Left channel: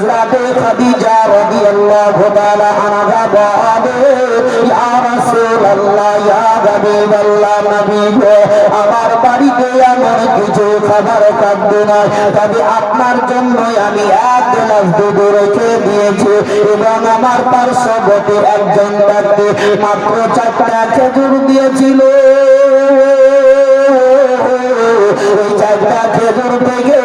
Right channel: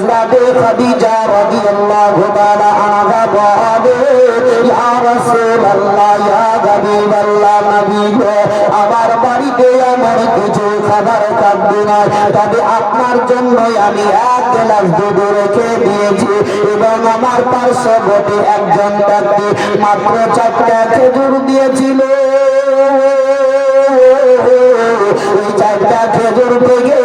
হযরতে খাদিজা রাদিয়াল্লাহু তাআলা আনহা বলেন ইয়া রাসূলুল্লাহ ইয়া হাবিবাল্লাহ নবী গো আমার বাড়িতে আমার কিছু খাবার খাদ্য নাই তবে আপনার জন্য আমি এক গ্লাস দুধ রেখে দিয়েছি এবং আমার পার্শ্ববর্তী একজন ব্যক্তি মাত্র 4টা খেজুর দিয়েছিল এই 4টা খেজুর থেকে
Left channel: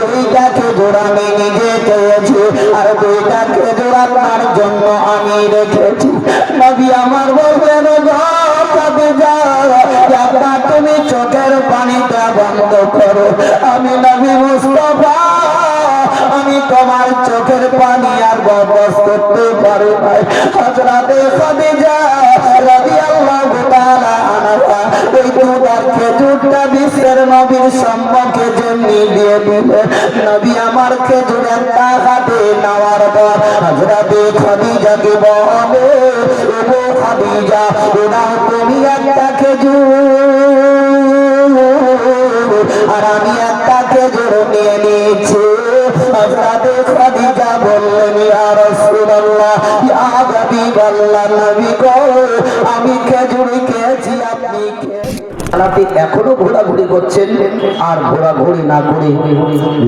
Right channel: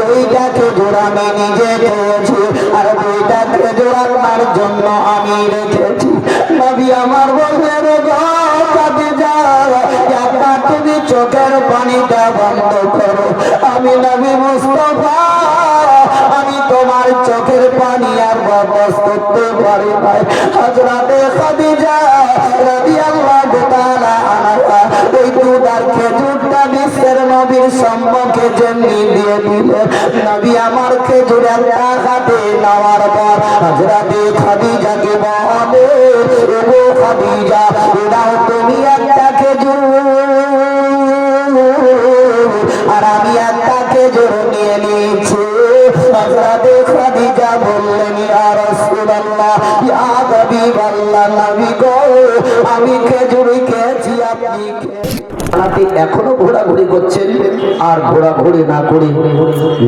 2টা খেজুর আমি নিজে খেয়েছি আর 2টা খেজুর আপনার জন্য আমি রেখেছি নবী আমার বললেন তুমি চোখের পানিটা বন্ধ করো আমি নবী মুস্তাফা আমি তোমার চোখের পানি আর বরদাস্ত করতে পারি না হযরতে খাদিজা রাদিয়াল্লাহু তাআলা আনহা এই দুধের খেজুরটা বিশ্বের নবীর সম্মুখে জন্যে দিয়ে দিলেন নবী আমার খেজুর একটা হাতে নেওয়ার পর হযরতে খাদিজাকে বলে ও খাদিজা এটাও তুমি একটা খেজুর আর আমি একটা খেজুর নিয়ে নিয়েছি হযরতে খাদিজা বললেন ইয়া রাসূলুল্লাহ ইয়া হাবিবাল্লাহ নবী গো আমি খেজুর খেয়েছি আপনি খেয়েছেন এখনো ঘোরাঘুরি করছেন আর ঘোরাঘুরি না করে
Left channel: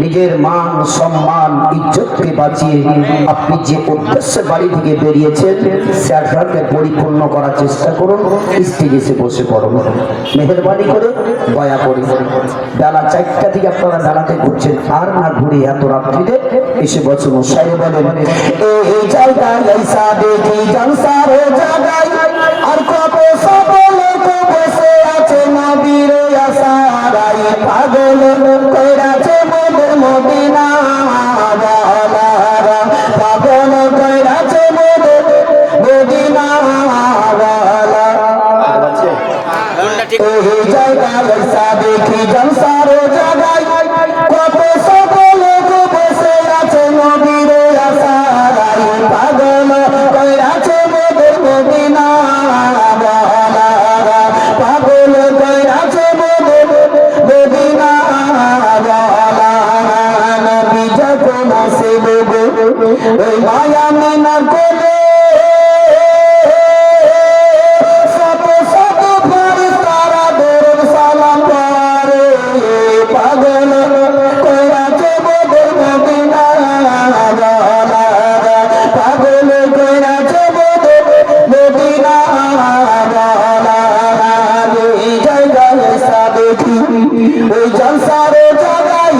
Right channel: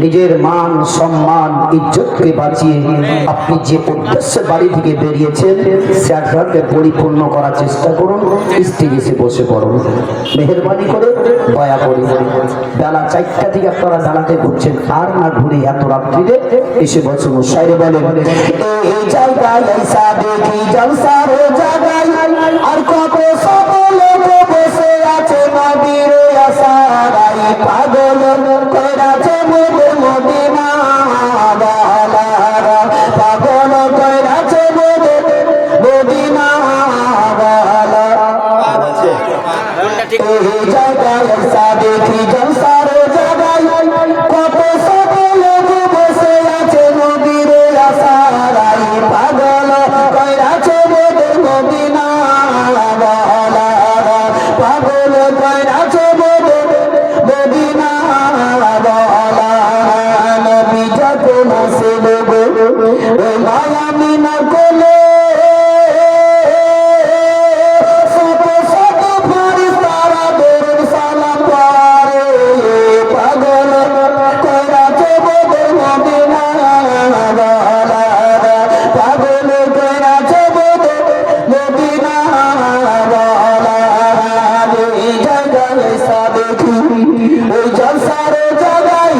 নিজের মান সম্মান ইজ্জতকে বাঁচিয়ে আপনি যে উদ্দেশ্যে বাড়ি থেকে বেরিয়েছেন সেটাকে পরিপূর্ণ করার চেষ্টা করুন স্টেজে এসে বসে পড়ুন মেহেরবানি করে দয়া করে বেলা 4টা থেকে আপনারা জানাতে ঘুরছেন আর না ঘুরে এত রাত্রিতে এসে বসুন সাইরে বলেন এই জায়গায় এসা দেখি জলসার জায়গায় আর কত সকল লোক বসে আছে নবীর আশায় পাগল কইরাছে মোদের মদিনা ওয়ালা পাগল কইরাছে মোদের মদিনা ওয়ালা আছে কোনটা ঠিক এই জায়গায় এসা দেখি জলসার জায়গায় কত সকল লোক বসে আছে নবীর আশায় পাগল কইরাছে মোদের মদিনা ওয়ালা পাগল কইরাছে মোদের মদিনা ওয়ালা নবী যখন আসবে ওই মায়া মিনা কোলে শত শত ফারিস্তারা দরুদ সালাম পড়ে পাগল কইরাছে মোদের মদিনা ওয়ালা পাগল কইরাছে মোদের মদিনা ওয়ালা এই জায়গায় এসা দেখি ওই জলসার জায়গায়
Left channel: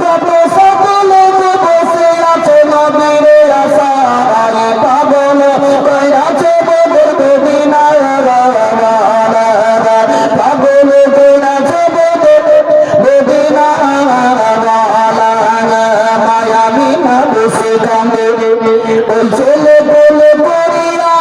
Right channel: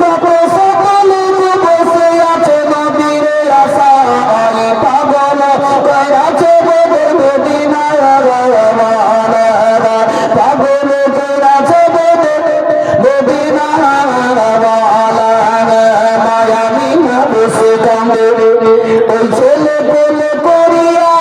কত সকল লোক বসে আছে নবীর আশায় পাগল কইরাছে মোদের মদিনা ওয়ালা পাগল কইরাছে মোদের মদিনা ওয়ালা মায়া মিনা বসে কাঁদে ওই ছেলে কোলে করিয়া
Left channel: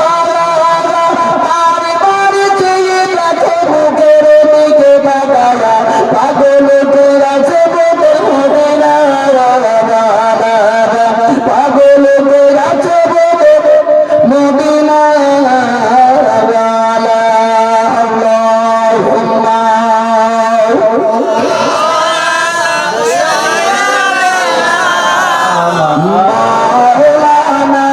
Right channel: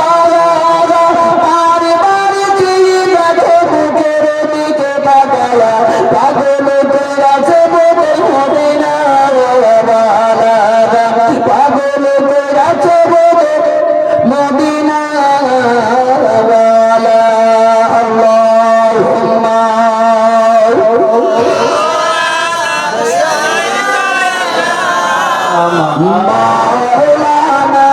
পাগল কইরাছে মোদের মদিনা ওয়ালা পাগল কইরাছে মোদের মদিনা ওয়ালা আল্লাহুম্মা মাওলানা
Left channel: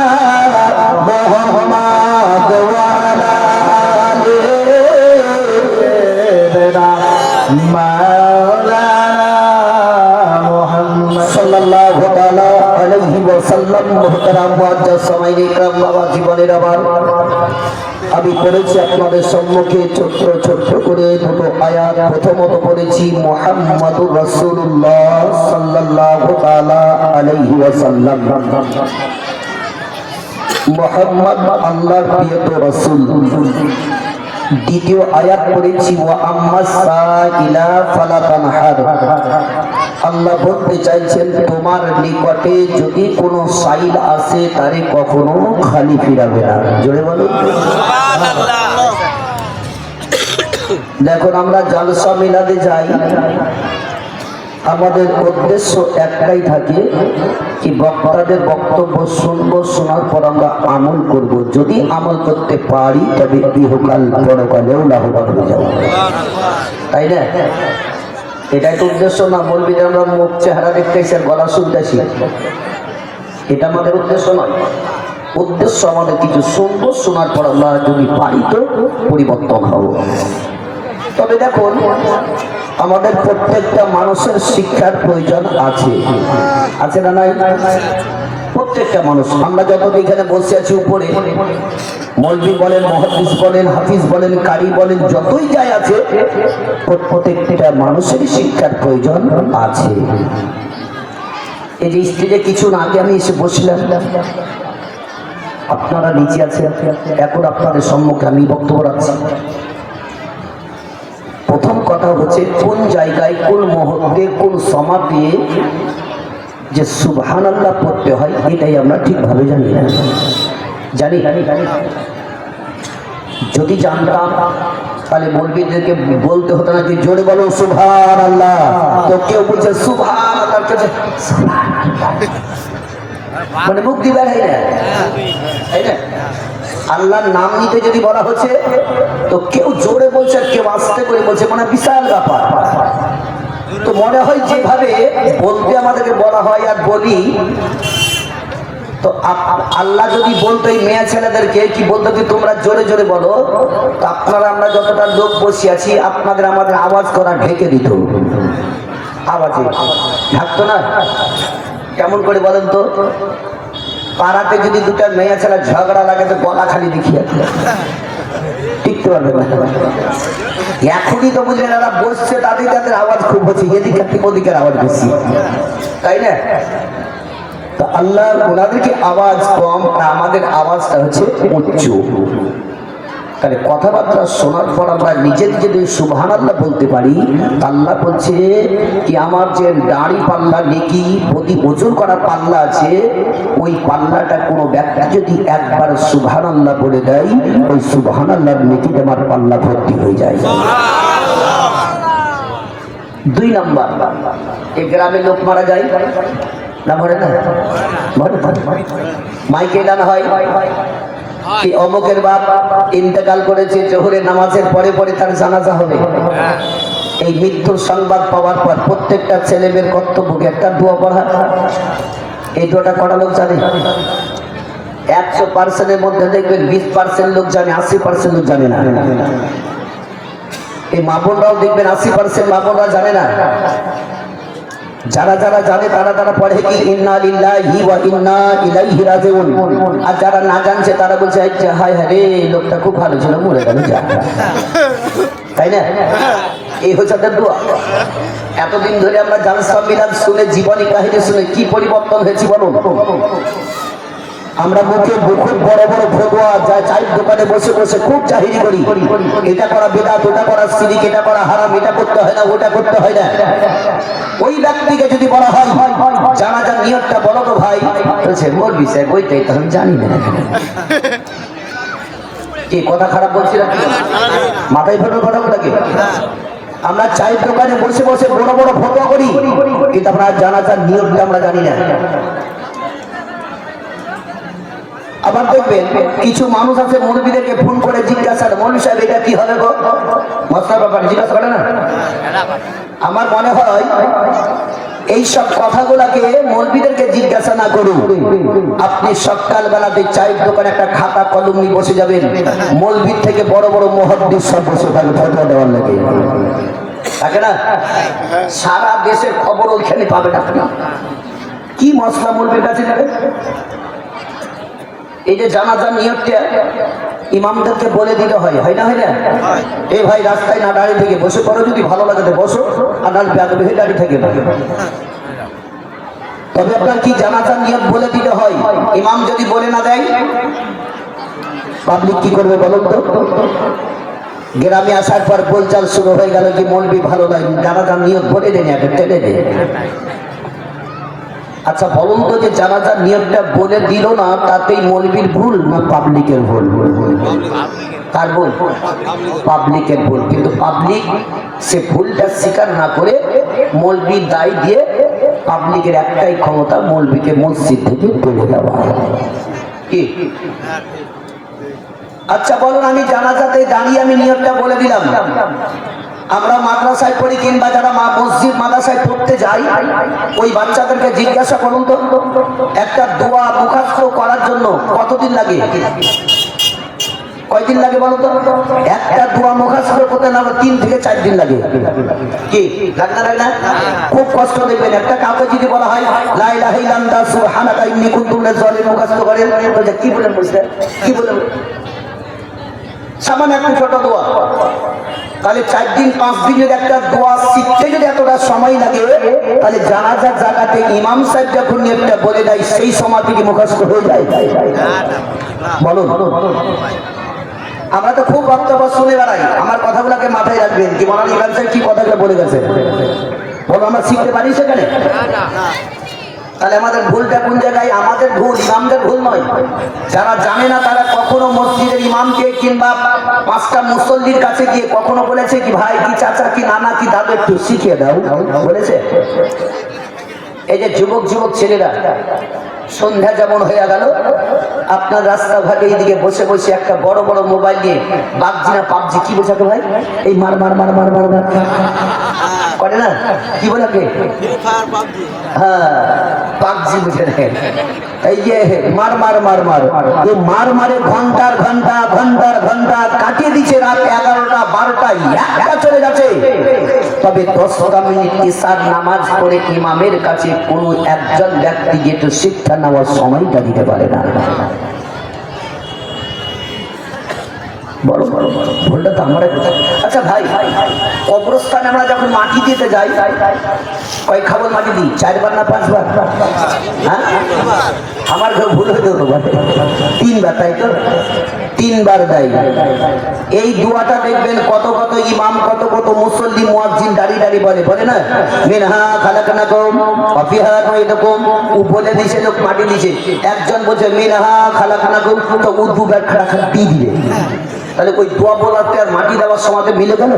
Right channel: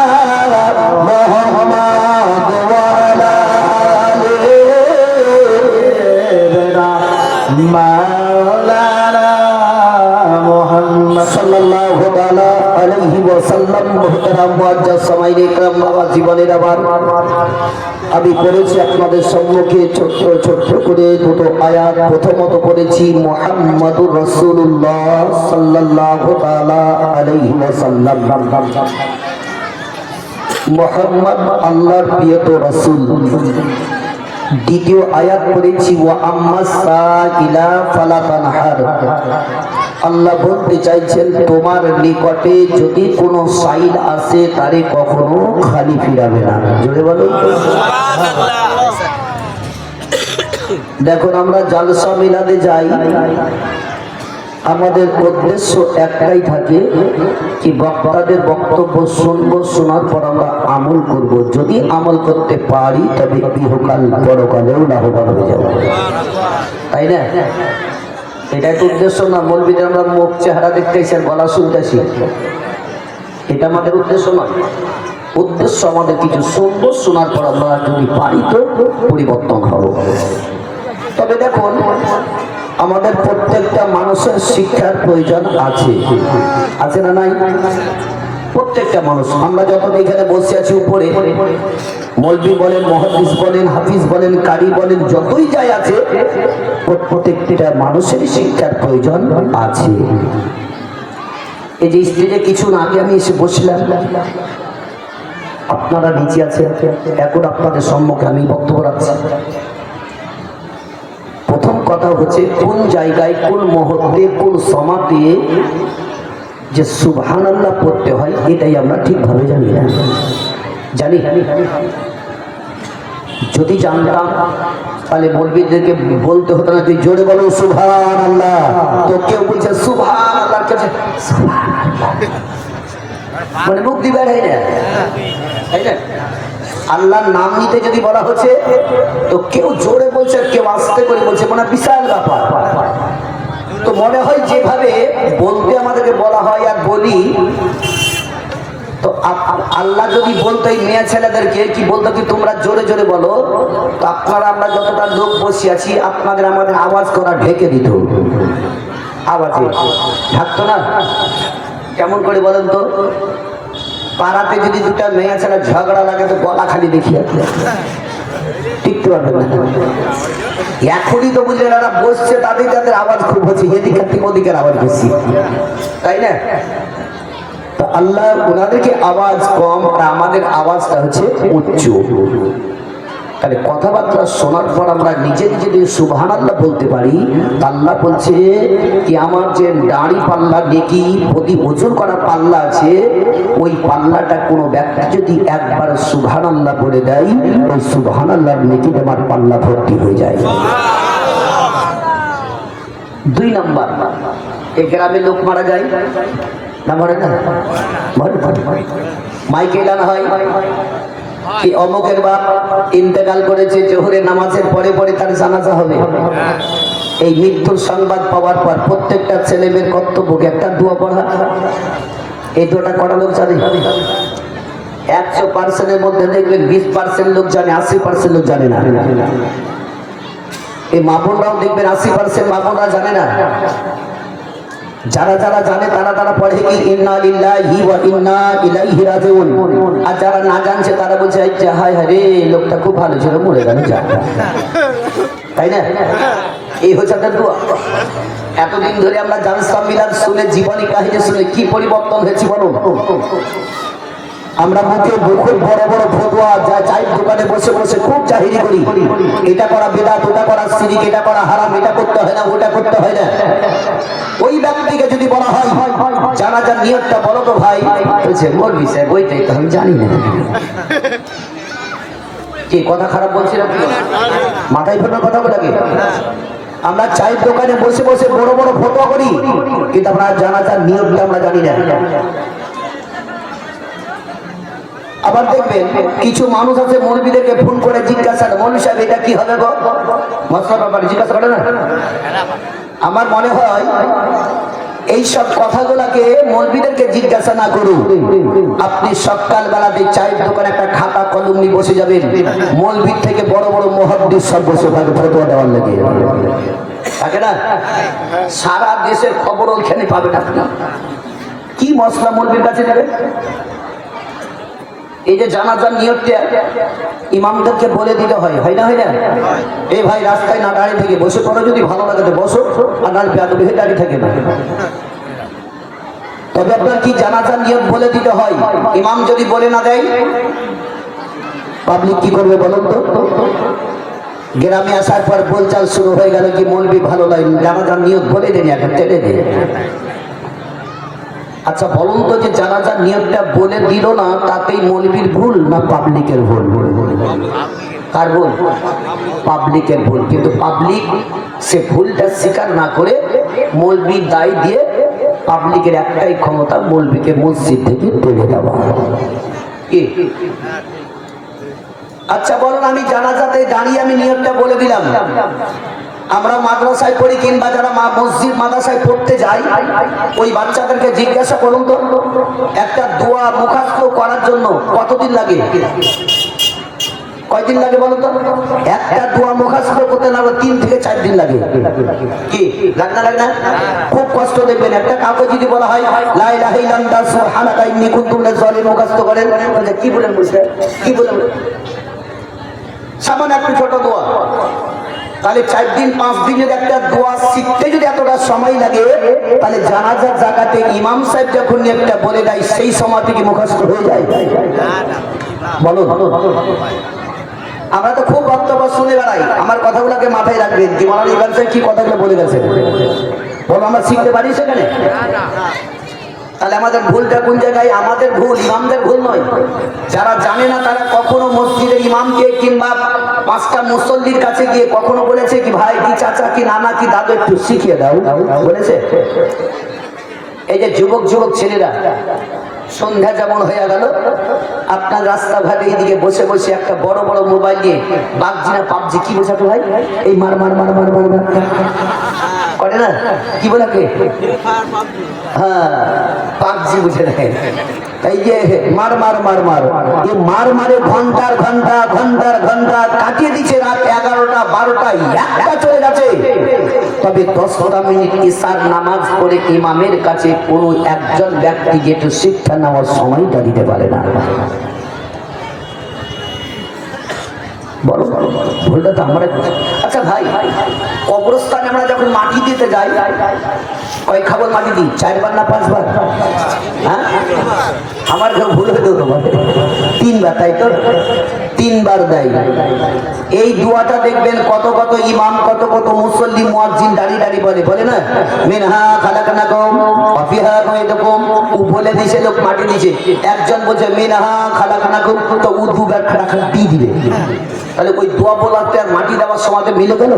মুহাম্মদ ওয়ালা মাওলানা মুহাম্মদ সাল্লাল্লাহু তাআলা আলাইহি ওয়াসাল্লাম মুহতারাম মুআজ্জাজ সামাইয়ে کرام নওয়াজ জীবনের আবার আমি পড়েছি আপনাদের সম্মুখে ছোট্ট ছোট্ট করে দুটো আয়াত প্রথমত পড়েছি মুহাম্মাদুর রাসূলুল্লাহ সাল্লাল্লাহু তাআলা আলাইহি ওয়াসাল্লাম মুহাম্মদ আল্লাহর প্রিয় রাসূল দ্বিতীয় আয়াত পড়েছি ওয়া আম্মাস সাইলা ফালা তানহার আল্লাহ বলতে চাইছেন তোমার নিকটে যদি কোনো সাইল আসে তারে কখনো খালি ফিরাবে না জোরে বলুন দেখুন আমরা জালসা মিলাদে যাই আমাদের উদ্দেশ্য একটাই থাকে কি বক্তাদের বক্তব্য শুনবো শোনার পর আমরা আমল করব যদি আমল করতে পারি তবে ইহকাল পরকালেও লাভবান হয়ে যাব তাই না এটাই তো উদ্দেশ্য না বলবি যে আমরা মুখ চেহারা দেখতেছি বলা শুনতেছি এটা আমাদের উদ্দেশ্য নয়। উদ্দেশ্য আমাদের কিছু সুন্দর শোনার পর আমরা যদি পারি তো পরিবর্তন হব। তবে দেখুন, আমাদের প্রত্যেকটা মানুষের শিক্ষার প্রয়োজন আছে, আছে না নাই? প্রত্যেকটা মানুষ, আমরা যত এখানে বসে আছি উপরে, মৌলভী বলেন, মুহাদ্দিস বলেন, হাফিজ বলেন, কারি বলেন, যতই যাই আছে, প্রত্যেকটা মানুষের শিক্ষার প্রয়োজন আছে। এই যে স্টেজে কিছু না আগে আমি এসে বসলাম, আপনারা নিচে আছেন, এখন আপনাদের সম্মুখে আমি বক্তব্য রাখছি। প্রথম কথা হচ্ছে, কোন জায়গায়, কোন মুহূর্তে, কোন সমাতে যে সুবহানাল্লাহ পড়তে হয়, এটাই আমরা ঠিকভাবে জানি না। জানি যদি জানতাম তাহলে মৌলভীদেরকে বলতে হতো না যে জোরে বলো সুবহানাল্লাহ, তো কেউ বলছে সুবহানাল্লাহ, মানে মুখ দিবে না, তাই না? আল্লাহর নাম নিতে যদি বলা হচ্ছে তো কেউ জোরে বলছে আর কেউ আস্তে করে বলছে, মানে বিশাল ব্যাপার। তো মনে হয় যেভাবে বলতে আমাদেরকে বলা হয় আর বলি, তো আল্লাহ যদি বলতো এই মেয়ে ছেলেদেরকে কি বলতো কি তোমরা জোরে জোরে বলো, তো আপনারা আমরা যতটা লোক বসে আছি আপনাদের আমাদের আওয়াজ করা ঢেকে দিত, আওয়াজে ঢাকতো না। কেমন করে বলেন তো? পাড়াতে যদি দুটা মেয়ে ছেলে ঝগড়া লাগে তো গলা খালি দেখি টিকতে পারবে না। এখনই তো বুঝলেন যারা বসছে তাদের তাদের আওয়াজ খুব হচ্ছে, এদিকের থেকে ওদিকের আওয়াজ বেশি, তাই না? তো আল্লাহ ওনাদেরকে আওয়াজ কম আর আমাদের আওয়াজটা হচ্ছে উচ্চ। তাহলে কথাবার্তা শোনার পর আমরা নিজে যদি সুবহানাল্লাহ বলতে পারি, আল্লাহ বলছে কি আমার যে দাড়ি পাল্লা নেকি প্রতি ওজন করার পাল্লা আছে, ওই পাল্লাটা কোনো ব্যক্তি যদি একবার সুবহানাল্লাহ বলে দেয়, ওই সুবহানাল্লাহর নেকিতে আমার পাল্লা ভর্তি হয়ে যায়। 2 নম্বর, এই গ্রামে লোক মারা যায় না, মরে না? মাইকে গান হয়, অমুকের বাপ ইন্তেকাল করেছে, জোহরের নামাজের পরে পরে তার জানাজা হবে। এই মৃত্যুর সংবাদ পাওয়ার পর প্রত্যেকটা ছেলে মেয়ের কর্তব্যকে একটা দোয়া পড়া। এই দোয়াটা কটা লোক জানে? 100%-এর মধ্যে দেখবেন 20% লোক জানে, 80% লোক জানে না। এই মামুনরাও দেখবেন 80% মামুনরা জানে না। যারা যারা জানে তারা তারা পড়ে কি ইন্না লিল্লাহি ওয়া ইন্না ইলাইহি রাজিউন, আর যারা না জানছে তারা বলছে আচ্ছা হায় হায় রে লোকটা খুব ভালো ছিল, মরে গেল, যা, তাই না? এই হচ্ছে একটা দোয়া। এতদিন ধরে আমরা জালসা মিলাদ শুনে, জীবনী কাহিনী শুনে কি পরিবর্তন হয়েছে বলুন? আমরা মুখে বড় বড় ফতোয়া যায়, চায়ের দোকানে বসে বসে খুব জাহিরি করি, এটা করা বিদআত, ওটা করা শিরক, এটা করা হারাম, এটা করতে হয় না, ওটা করতে হয় না। ওই ব্যক্তিকে যদি বলা হয় জানাজার নিয়তটা বলো তো ভাই, বলছে মৌলভী সাহেব ওইটাই তো আমি জানি না। কি কথা খারাপ বলছি না? মাথায় ফেলে কথা বলাকে আমরা চায়ের দোকানে বসে বসে বড় বড় ফতোয়া করি, কিন্তু আমরা জানাজার নিয়তটা আমরা জানি না। আবার দেখবেন কিছু মানুষ আছে মৌলভীদেরকে ফোন করে জিজ্ঞাসা, মৌলভী সাহেব এটা কি হবে গো, মশলার ব্যাপারে জিজ্ঞাসা করে না? আমার মনে হয় এইসব কথাগুলাকে মৌলভীদেরকে জিজ্ঞাসা না করুন, আপনি সকাল বেলাতে চায়ের দোকানে একটা খাতা কলম নিয়ে বসে যাবেন, মৌলভীর থেকে বড় বড় মুহাদ্দিস সব বসে থাকবে ফতোয়া দেওয়ার লাগে, থাকে না? সারা দেশের খবর ওইখানে পাবেন আপনি। কি মশলা মৌলভীর কাছে যাবে? এই যে জানাজার নিয়তটা ইমামদেরকে বলে দিতে হয়, হয় না? হয় না? এই ভাই রাস্তায় না দাঁড়িয়ে থেকে বসে পড়ো, যদি ভালো লাগে বসো, আর না বেয়াদবি হয়ে দাঁড়িয়ে থাকে না। তবে আপনার কি জানাজার নিয়ত বলে দিতে হয়, ইমাম যদি বলে না দেয় পাবলিক কি করবে বলুন তো? গ্রামে আসার পর বলচাল শুরু হয়ে গেল কি মৌলভী ভালো লাগে, জানাজার নিয়ত বলে দেন, একটা টেনে দেন। আচ্ছা বলুন তো, যে জানাজার নিয়তটা বলে দিল না, তাতেই মৌলভীর ভুল না পাবলিকের ভুল? কার ভুল? পাবলিকের ভুল। কিন্তু পাবলিক সে ভুলটা স্বীকার না করে মৌলভী দায় দিয়ে, পাবলিকের একটাই ক্ষমতা মৌলভীকে মসজিদ থেকে তুলে দেওয়া। কি? আচ্ছা বলুন, আমি জানাজাতে দাঁড়িয়ে আমি নিয়তটা বলে দিলাম, আমরা মাদ্রাসায় পড়ি কিংবা যারা মসজিদ মাদ্রাসায় পড়তে যাই, ওই বাচ্চাদেরকে জিজ্ঞাসা করুন তো, একটা দোয়া মুখস্থ করার জন্য কতদিন লাগে? কয়দিন লাগে বলুন তো? একটা দোয়া মুখস্থ করতে না 3 থেকে 4 দিন লাগে। কি লাগে না? খুব কষ্ট দেখবেন। একটা কাউকে যদি বলা হয় লা ইলাহা ইল্লাল্লাহ সুবহানাকা ইন্নী কুনতু মিনাজ জালিমিন মুখস্থ করেন, বলছে কি বলেন? বলছে কি বলেন? সামান্য একটা ছোট দোয়া। তাহলে 4 দিন 5 দিনের একটা দোয়া শিখতে যদি এতটা সময় লাগে, তাহলে জানাজার জায়গাতে ইমাম সাহেব যখন একটা বলে দেয় সেই সময় থেকে মুখস্থ হয়ে যায়। বলুন, আমরা তো খুব বক্তব্য শুনে বেড়াই, আমার কথাগুলোকে মাথায় রাখবেন। কি মানে ইমাম সাহেব কি কথাগুলো বলে গেছে, বলো আমরা শিখতে পারি সেখানে? তাহলে আমাদের ভুলটা কোন জায়গায়? আমাদের ভুল, ইমামদের ভুল নয়। যারা জানে না তারা কখনো মসজিদের ইমামকে কিংবা 5টা মুসল্লির কাছে গিয়ে কখনো বলেছে কি ভাই কি চাচা কি নানা কি দাদু একটু শিখিয়ে দাও, বলেছে? এই যে যুবক ছেলেরা সন্ধ্যা যেমন হয়ে গেল, আপনার রাস্তাঘাটে এইদিকে বসে বসে একটা বড় বড় মোবাইল নিয়ে পাবজি না পাবজি কি বোঝাতে ভাই, এই মার মার মার মার মার মার করে না, কি বলে? হ্যাঁ, পাবজি বুঝে নেন। এই যে মার মার মার মার, এই মার মারে ঘন্টার ঘন্টা কাটিয়ে দিচ্ছে। রাত 11টা 12টা 1টা চলে যাচ্ছে। তবে 10 মিনিট ইশার নামাজ পড়ে ইমামের কাছে কোনো একজন ব্যক্তি যেটা শিক্ষা নেওয়ার সময়টা দিতে পারে না। বলো, ভুলটা তো আমরা। আচ্ছা ভাই, কবরস্থানে আমরা যখন মাটি দিতে যাই, কয় খাবার মাটি দিই? 4 বার না 5 বার? হ্যাঁ, আমার ভুল হয়ে যেত, 3 বার, তাই তো? 3 বার দেয়। এই দোয়াটা দেখবেন কত কত ইমাম, কত কত মুসল্লি, মুয়াজ্জিন দাঁড়িয়ে বলে না, মিনহা খালাকনাকুম ওয়া ফিহা নুঈদুকুম। ও বলে দিছে, লোক মাটি দিছে, একজন বলছে মিনহা খালাকনাকুম, তো ও 2 বার খাটাখাট দিয়ে দিবে। তাহলে ওই দোয়া বলাতে আর মাটি দেওয়ার সময় মিলে গেল?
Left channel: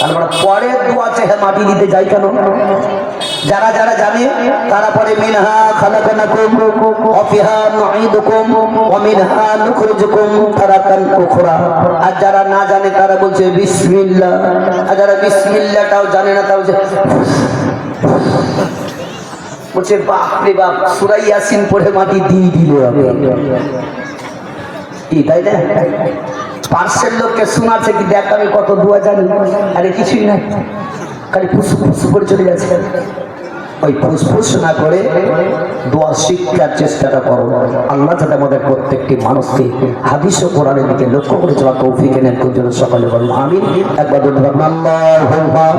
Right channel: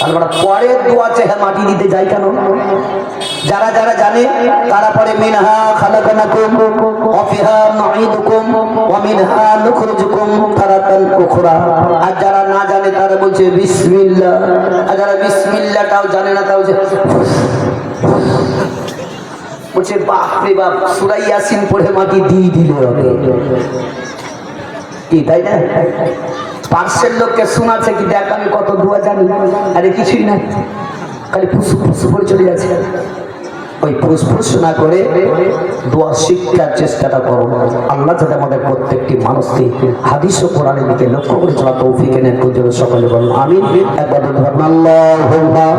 তারপরে পরের দোয়া চেয়ে মাটি দিতে যাই কেন? যারা জানে তারা পরে মিনহা খালাকনাকুম ওয়া ফিহা নুঈদুকুম ওয়া মিনহা নুখরিজুকুম তারাতান উখরা। আর যারা না জানে তারা বলছে বিসমিল্লাহ। আর যারা বিসমিল্লাহটাও জানে না তাও বলছে বাপ রে বাপ, সূরা ইয়াসিন পড়ে মাটি দিয়ে দিল আমি। কি তাই না? পার্শ্বের লোককে শোনাচ্ছে কি, দেখ আমি কত দোয়া জানি। আরে কিছুই না, খালি ফুস করে চলে যাচ্ছে। ওই ফুস না করে দোয়া শিক্ষার চেষ্টাটা করো। আল্লাহ যাতে আমাদের প্রত্যেকটি মানুষকে হাদিস ও কোরআনের দিকে লক্ষ্য করে চলা তৌফিক এনে সকলে বলুন আমিন। একবার আল্লাহুম্মা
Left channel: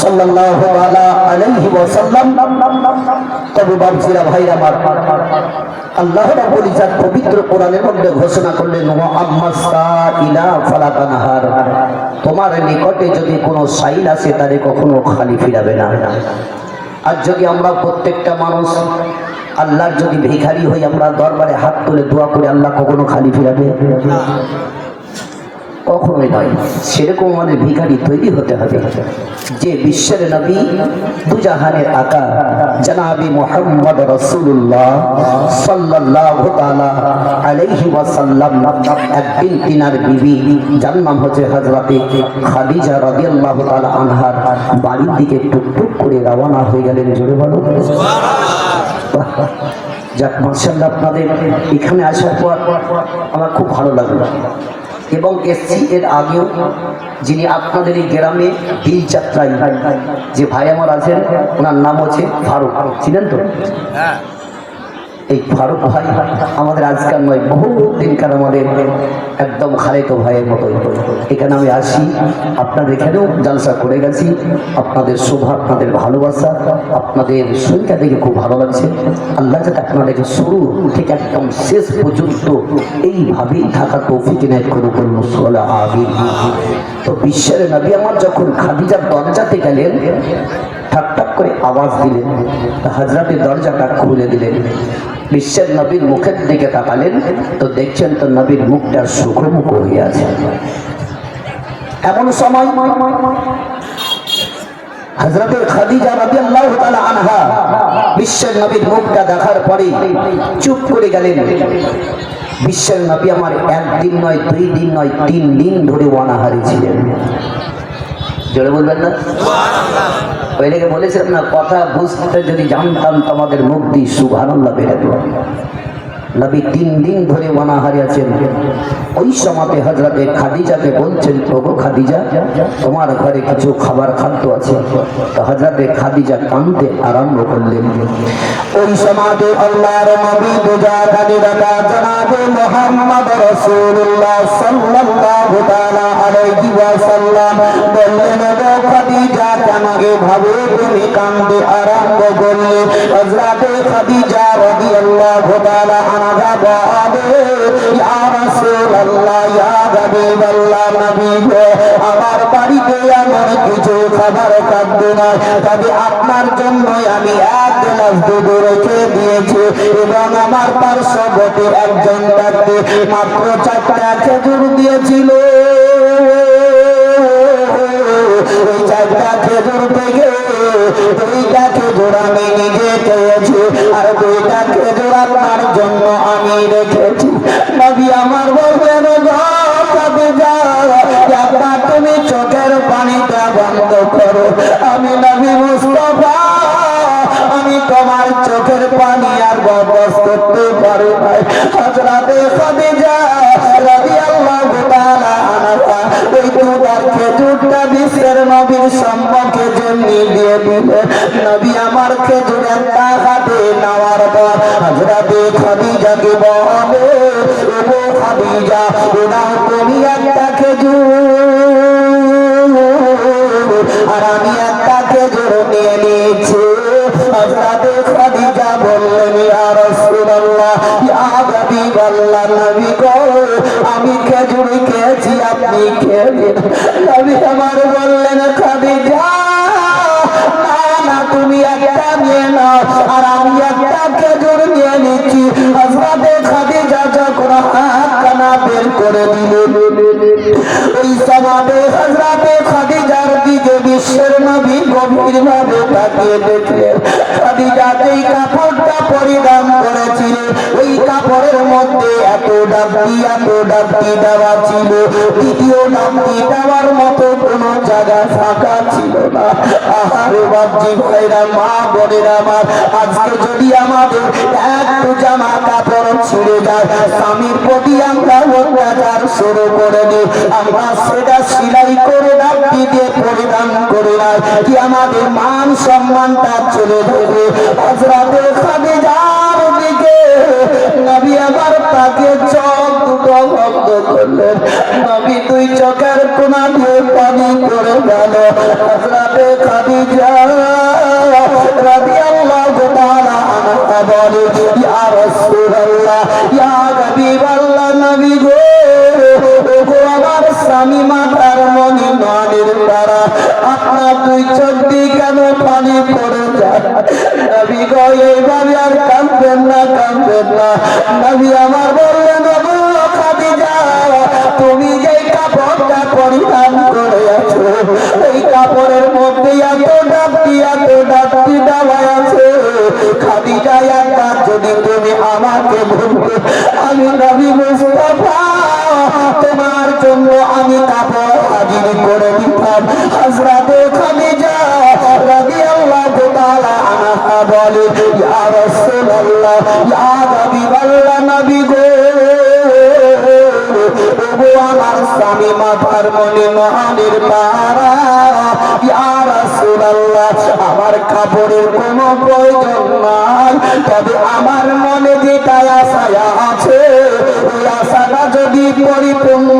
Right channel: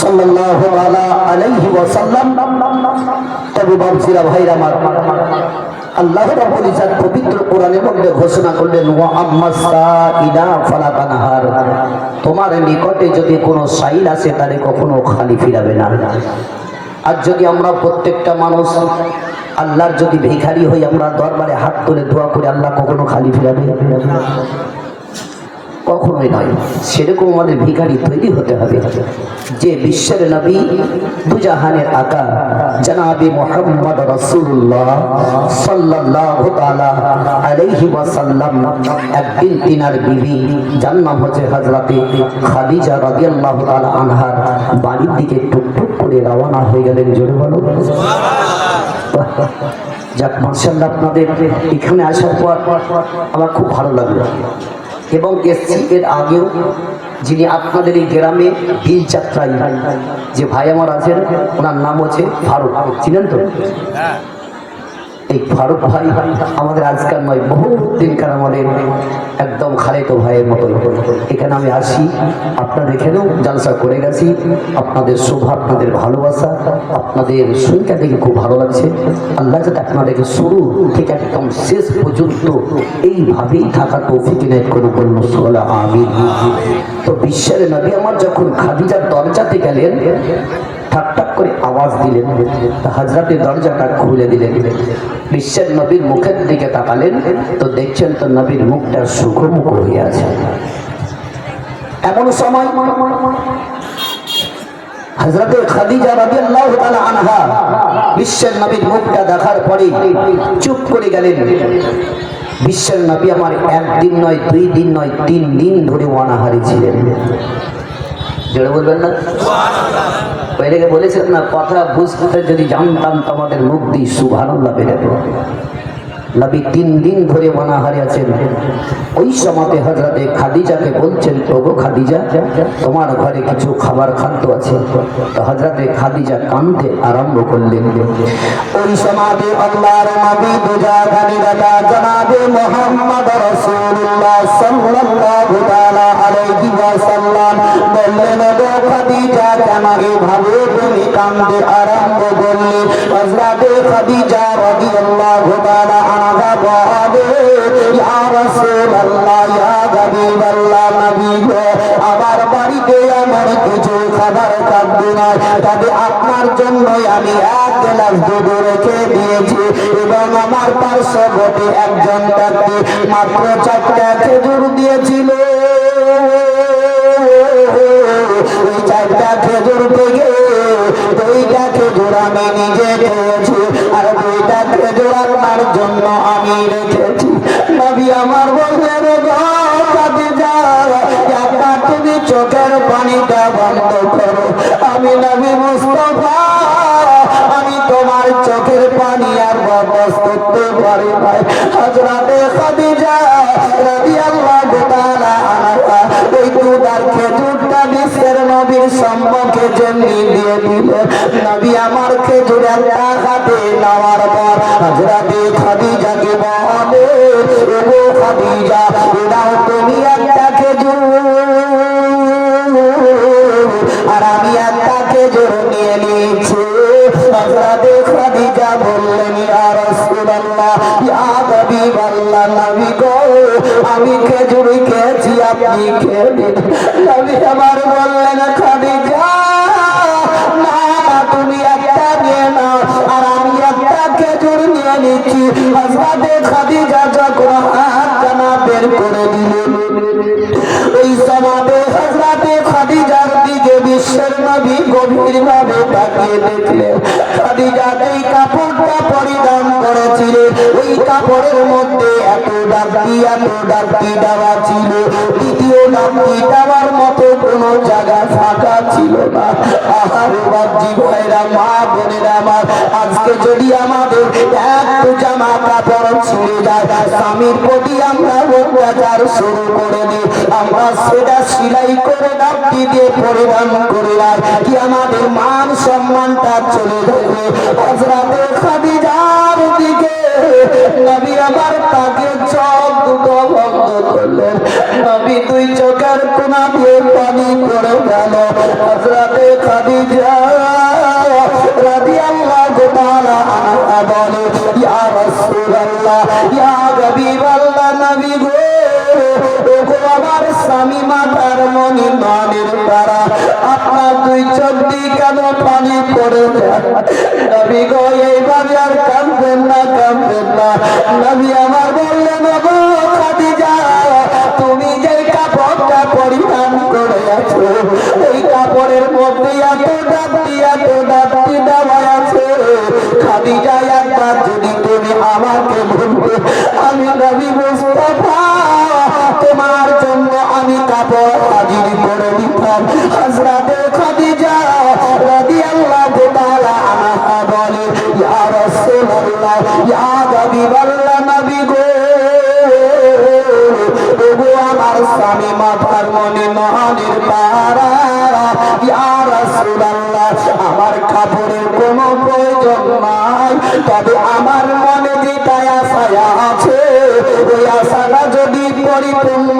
সাল্লাল্লাহু আলাইহি ওয়াসাল্লাম। তবে বাবজিরা ভাইরা আমার, আল্লাহ রাব্বুল ইজ্জত পবিত্র কোরআনের মধ্যে ঘোষণা করলেন, ওয়া আম্মাস সাইলা ফালা তানহার। তোমার নিকটে যদি কোনো সাইল আসে তারে কখনো খালি ফিরাবে না। আর যদি আমরা প্রত্যেকটা মানুষ আল্লাহর যদি ভিখারি হই, আমরা দরবারে হাত তুলে দোয়া করে, আল্লাহ কখনো খালি ফিরাবে না? কখনোই নয়। সেরকম আমাদের ভিখারি তৈরি হতে হবে, যে বিশ্বের নবী, দুজাহানের আকা জনাবে মুহাম্মদ রাসূলুল্লাহ সাল্লাল্লাহু তাআলা আলাইহি ওয়াসাল্লাম একদিন তিনার বিবি, যার নাম হচ্ছে হযরতে খাদিজা রাদিয়াল্লাহু তাআলা আনহার বাড়ির দিকে টুকটুক করে রওনা হয়ে গেলেন। জোরে বলো সুবহানাল্লাহ। যাক, মাশাআল্লাহ, আপনাদের এখানে আসার পর আমার খুব ভালো লাগলো। এবং এসছি এর আগেও, যিনি আপনাদের এই গ্রামে দিন যাত্রায় যে ভাই আমার আছেন, ওনার নাম হচ্ছে ফারুক, ছিলেন তো? এই ফারুক ভাই আমাদের আজকাল নয়, বহু দিনকার আমাদের একদম খালিত ভাইয়ের মতো। এখানে আমি আসি, আপনাদের এখানেও জালসা করে গেছি। আপনাদের শোভা, আপনাদের ভালোবাসা, আপনাদের সংখ্যা দেখে খুব ভালো লাগছে। আল্লাহ যাতে আপনাদেরকে শুরু থেকে একদম শেষ পর্যন্ত এইভাবেই থাকা তৌফিক ইনায়েত করে বলল আমিন। তো বিশ্বের নবী আমার যখন খাদিজার দরজাতে গেলেন, ঠাক ঠাক করে আওয়াজ দিলেন, হযরতে দরজাটা খুলে দিলেন। বিশ্বের নবীর মুখের দিকে তাকালেন তো দেখছেন তো নবীর মুখটা সুখমুখ হয়ে আছে। এমন সময় হযরতে খাদিজা রাদিয়াল্লাহু তাআলা আনহা বিশ্বের নবীর মুখটা দেখার পরে চুপ করে গেলেন। বিশ্বের নবী আমার একদিন নয়, 2 দিন নয়, 3 দিন ধরে অনাহারী ছিলেন। জোরে বলবেন না? পয়লেকে বলেছেন না, কথা বুঝতে যদি জানতাম তোমাদের মুখ দিয়ে সুবহানাল্লাহ বেরোতো। নবী 3 দিন ধরে অনাহারী আছেন। ওই সময় হযরতে খাদিজাকে বলছেন, ওগো খাদিজা, তোমার ঘরে কিছু খাবার খাদ্য আছে। তো হযরতে খাদিজা কাঁদতে আরম্ভ করলেন। ওই সময় আল্লাহর নবী মুজাহিদা জনাবে মুহাম্মদ রাসূলুল্লাহ সাল্লাল্লাহু তাআলা আলাইহি ওয়াসাল্লাম বললেন, ওগো খাদিজা, আমাকে ভাবে তুমি কাঁদতে আরম্ভ করলে। হযরতে খাদিজা রাদিয়াল্লাহু তাআলা আনহা বলে, ইয়া রাসূলুল্লাহ, ইয়া হাবিবাল্লাহ, নবী গো, আমার বাড়িতে আমার কিছু খাবার খাদ্য নাই, তবে আপনার জন্য আমি 1 গ্লাস দুধ রেখে দিয়েছি এবং আমার পার্শ্ববর্তী একজন ব্যক্তি মাত্র 4টা খেজুর দিয়েছিল। ওই 4টা খেজুর থেকে 2টা খেজুর আমি নিজে খেয়েছি আর 2টা খেজুর আপনার জন্য আমি রেখেছি। নবী আমার বললেন, তুমি চোখের পানিটা বন্ধ করো। আমি নবী মুস্তাফা, আমি তোমার চোখের পানি আর বাবস করতে পারি নাই। হযরতে খাদিজা রাদিয়াল্লাহু তাআলা আনহা ওই দুধের খেজুরটা বিশ্বের নবীর সম্মুখে জেনে দিয়ে দিলেন। নবী আমার খেজুর একটা হাতে নেওয়ার পর হযরতে খাদিজাকে বলে, ওগো খাদিজা, ওরা তুমি একটা খেজুর আর আমি একটা খেজুর নিয়ে নিয়েছি। হযরতে খাদিজা বললেন, ইয়া রাসূলুল্লাহ, ইয়া হাবিবাল্লাহ, নবী গো, আমি খেজুর খেয়েছি, আপনি খেয়ে নিন। নবী আমার বললেন, খাদিজা, না না, তুমি একটা নিয়ে নাও আর আমি একটা খেজুর নিয়ে নিচ্ছি। হযরতে খাদিজা যখন হাতখানা বের করে দিলেন, ওই সময় হযরতে খাদিজার দিকে বিশ্বের নবী গভীরভাবে তাকিয়ে দেখলেন। খাদিজা যেই কাপড়টা পরিধান করেছিলেন ওই কাপড়ের মধ্যে এত ডাকটি দেওয়া ছিল, দ্বিতীয় ডাকটি দেওয়ার মতো কোনো জায়গা ফাঁকা ছিল না। আহারে বাপজি ভাইরা, মা বোনেরা আমার, আজকে যদি আমাদের একটু জামা কাপড় ছিঁড়ে যায়, স্বামীর প্রতি আমরা অত্যাচার শুরু করে দিই, আমরা সেটা সেলাই করে ডাকটি দিয়ে পরিধান করে নাই, কি আমাদের মান সম্মানটা চলে যাবে। হযরতে খাদিজার দিকে নবী আমার তাকে চোখ দুটো বন্ধ করলেন। নবী 2 চোখের কোনা দিয়ে পানি পড়ে গেল। হযরতে খাদিজা রাদিয়াল্লাহু তাআলা আনহা বলে, ইয়া রাসূলুল্লাহ, ইয়া হাবিবাল্লাহ, নবী গো, ওগো আমার স্বামী মাতার মনি মানের দ্বারা আপনার 2 চোখ দিয়ে কেন পানি পড়ে যায়? নবী গো, এইভাবে আর কাঁদবেন না, কাঁদবেন না। নবী আমার বললেন, ওগো খাদিজা, তুমি যে কাপড়টা পরিধান করে আছো ওই কাপড়ের মধ্যে এত ডাকটি দেওয়া আছে। খাদিজা, একটা যদি তুমি আমাকে বলতে, আমি নবী মুস্তাফা তোমার জন্য আমি কাপড় হাজির করে দিতাম। হযরতে খাদিজা রাদিয়াল্লাহু তাআলা আনহা বলে, ইয়া রাসূলুল্লাহ, ইয়া হাবিবাল্লাহ, নবী গো, ওগো আমার স্বামী মাথার মনে মহানের পাহারা, ইয়া রাসূলুল্লাহ, আমার কাপড়ের কোনো প্রয়োজন নাই, তবে আমার মনে যেটা আশা আছে ওই আশাটা যদি পরিপূর্ণ